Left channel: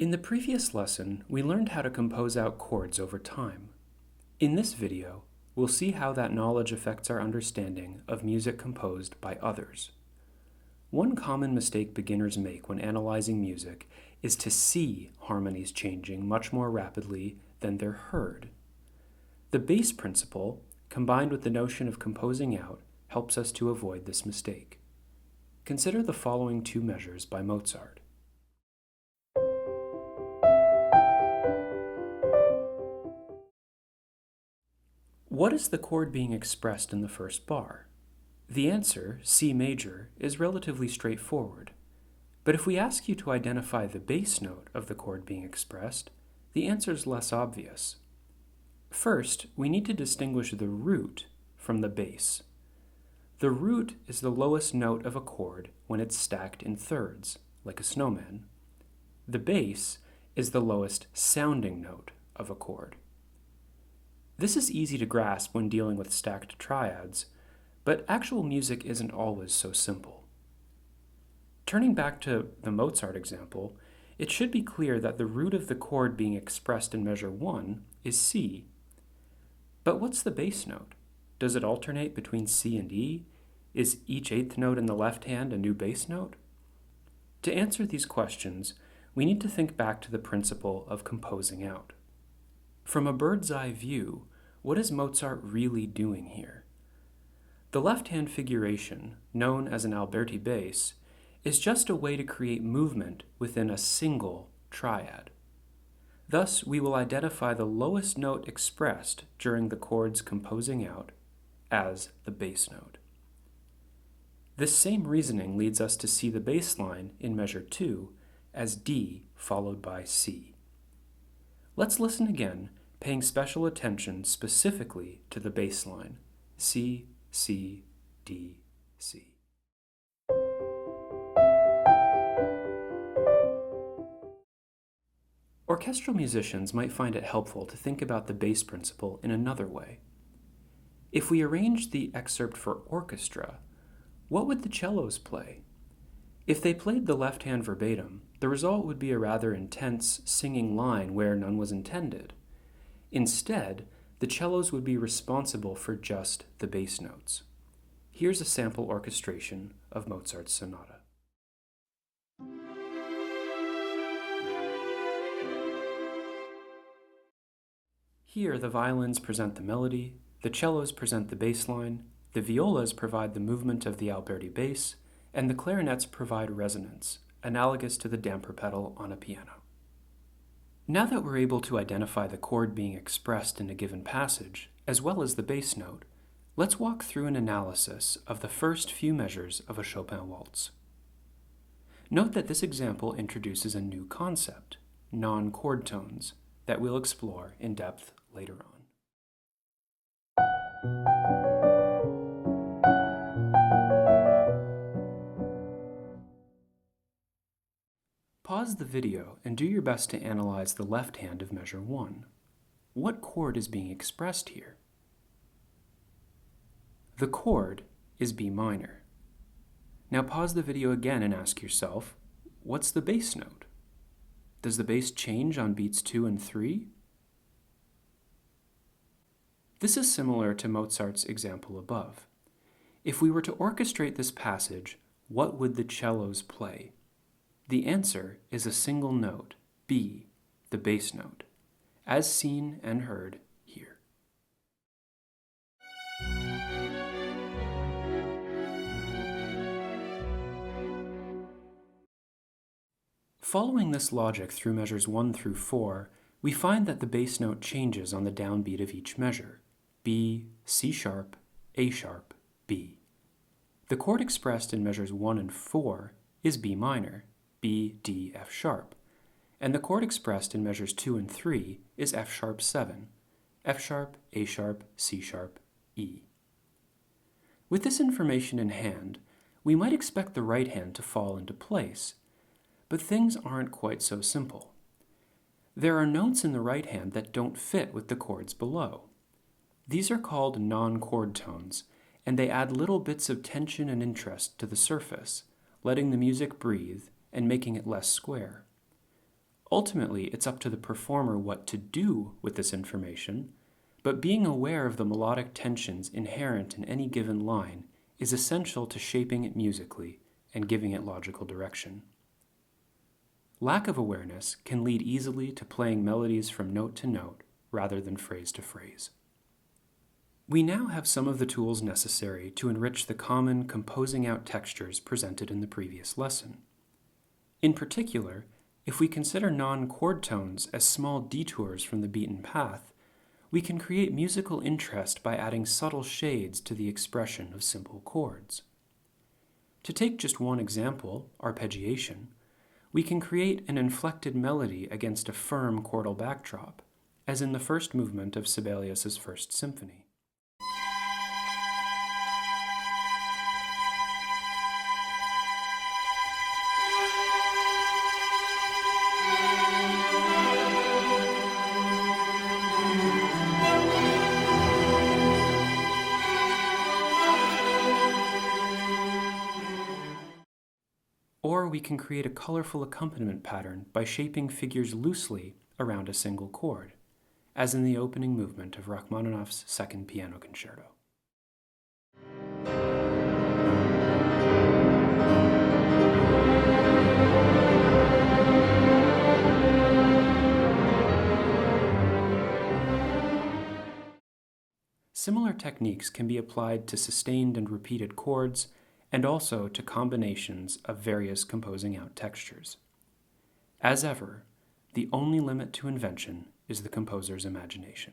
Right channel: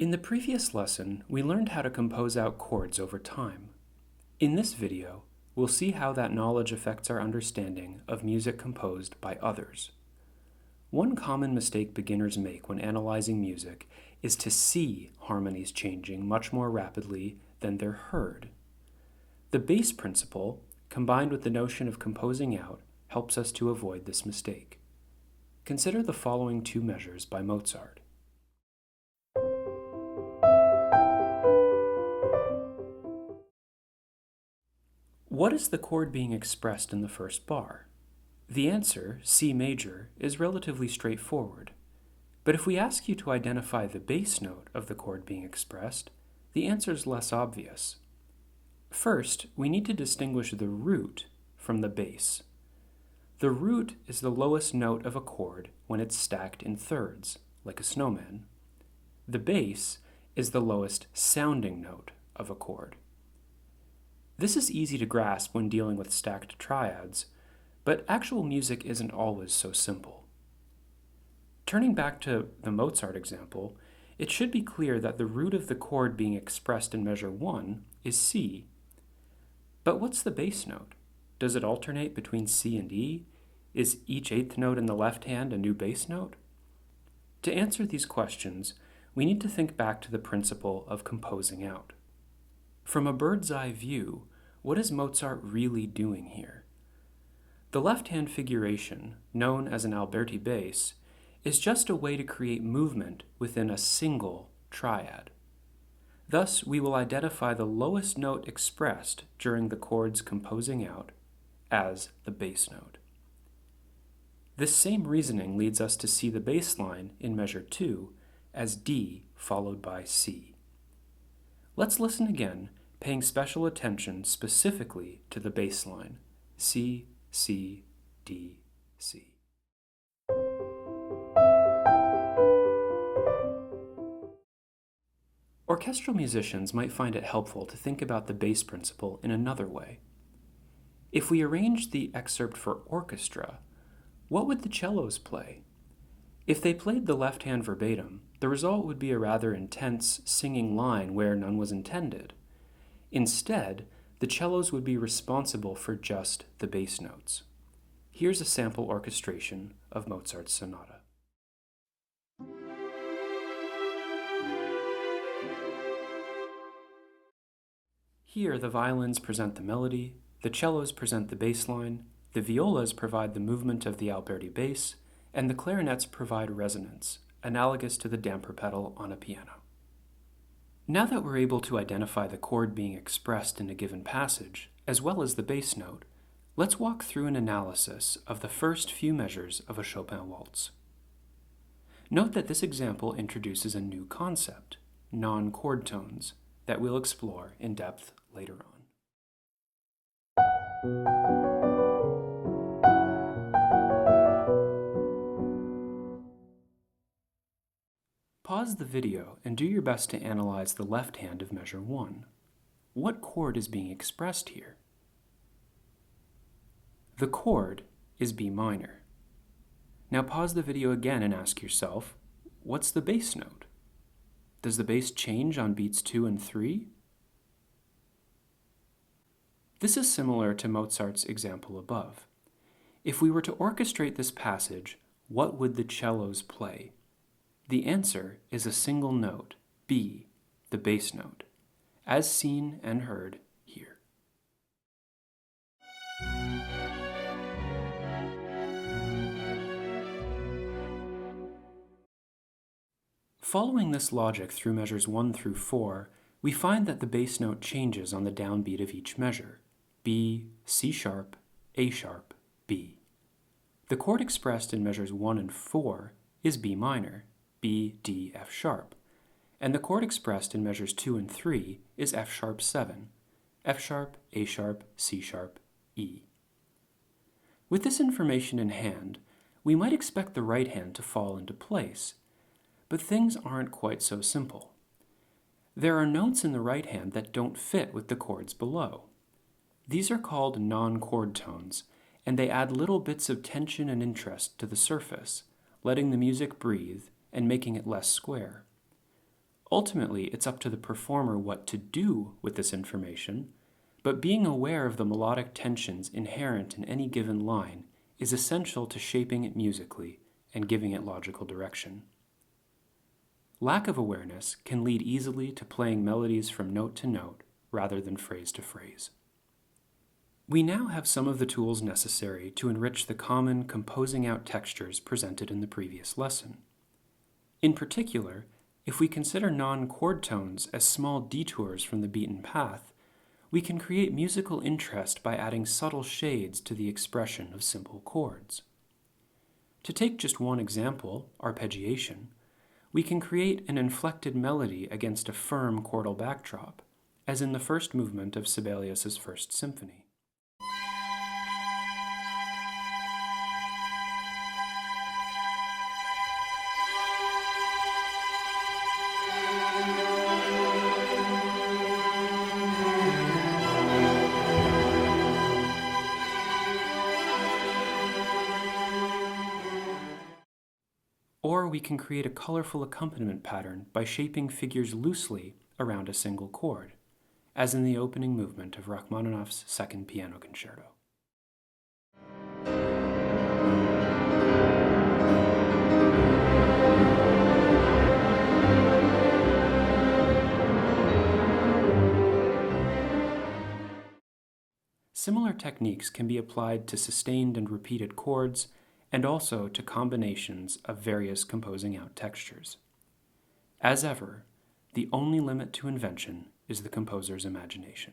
In the previous lesson, we learned how to compose out chords over time. In this video, we'll see how that knowledge affects our understanding of music composed by others. One common mistake beginners make when analyzing music is to see harmonies changing much more rapidly than they're heard. The bass principle, combined with the notion of composing out, helps us to avoid this mistake. Consider the following two measures by Mozart. What is the chord being expressed in the first bar? The answer, C major, is relatively straightforward. But if we ask you to identify the bass note of the chord being expressed, the answer is less obvious. First, we need to distinguish the root from the bass. The root is the lowest note of a chord when it's stacked in thirds, like a snowman. The bass is the lowest sounding note of a chord. This is easy to grasp when dealing with stacked triads, but actual music isn't always so simple. Turning back to the Mozart example, it should be clear that the root of the chord being expressed in measure 1 is C. But what's the bass note? Does it alternate between C and E? Is each eighth note in the left hand a new bass note? To answer these questions, we need to think back to the principle of composing out. From a bird's eye view, what is Mozart really doing here? The left-hand figuration, known as an Alberti bass, is just a way to create movement within a single triad. Thus, we will identify the lowest note expressed during the chord's composing out as the bass note. This same reasoning leads us to see the bass line in measure 2 as D followed by C. Let's listen again, paying special attention specifically to the bass line, C, C, D, C. Orchestral musicians might find it helpful to think about the bass principle in another way. If we arrange the excerpt for orchestra, what would the cellos play? If they played the left hand verbatim, the result would be a rather intense singing line where none was intended. Instead, the cellos would be responsible for just the bass notes. Here's a sample orchestration of Mozart's sonata. Here, the violins present the melody, the cellos present the bass line, the violas provide the movement of the Alberti bass, and the clarinets provide resonance, analogous to the damper pedal on a piano. Now that we're able to identify the chord being expressed in a given passage, as well as the bass note, let's walk through an analysis of the first few measures of a Chopin waltz. Note that this example introduces a new concept, non-chord tones, that we'll explore in depth later on. Pause the video and do your best to analyze the left hand of measure 1. What chord is being expressed here? The chord is B minor. Now pause the video again and ask yourself, what's the bass note? Does the bass change on beats 2 and 3? This is similar to Mozart's example above. If we were to orchestrate this passage, what would the cellos play? The answer is a single note, B, the bass note, as seen and heard here. Following this logic through measures 1 through 4, we find that the bass note changes on the downbeat of each measure, B, C sharp, A sharp, B. The chord expressed in measures 1 and 4 is B minor, B, D, F sharp, and the chord expressed in measures 2 and 3 is F sharp 7, F sharp, A sharp, C sharp, E. With this information in hand, we might expect the right hand to fall into place, but things aren't quite so simple. There are notes in the right hand that don't fit with the chords below. These are called non-chord tones, and they add little bits of tension and interest to the surface, letting the music breathe and making it less square. Ultimately, it's up to the performer what to do with this information, but being aware of the melodic tensions inherent in any given line is essential to shaping it musically and giving it logical direction. Lack of awareness can lead easily to playing melodies from note to note rather than phrase to phrase. We now have some of the tools necessary to enrich the common composing out textures presented in the previous lesson. In particular, if we consider non-chord tones as small detours from the beaten path, we can create musical interest by adding subtle shades to the expression of simple chords. To take just one example, arpeggiation, we can create an inflected melody against a firm chordal backdrop, as in the first movement of Sibelius's First Symphony. Or we can create a colorful accompaniment pattern by shaping figures loosely around a single chord, as in the opening movement of Rachmaninoff's Second Piano Concerto. Similar techniques can be applied to sustained and repeated chords, and also to combinations of various composing out textures. As ever, the only limit to invention is the composer's imagination.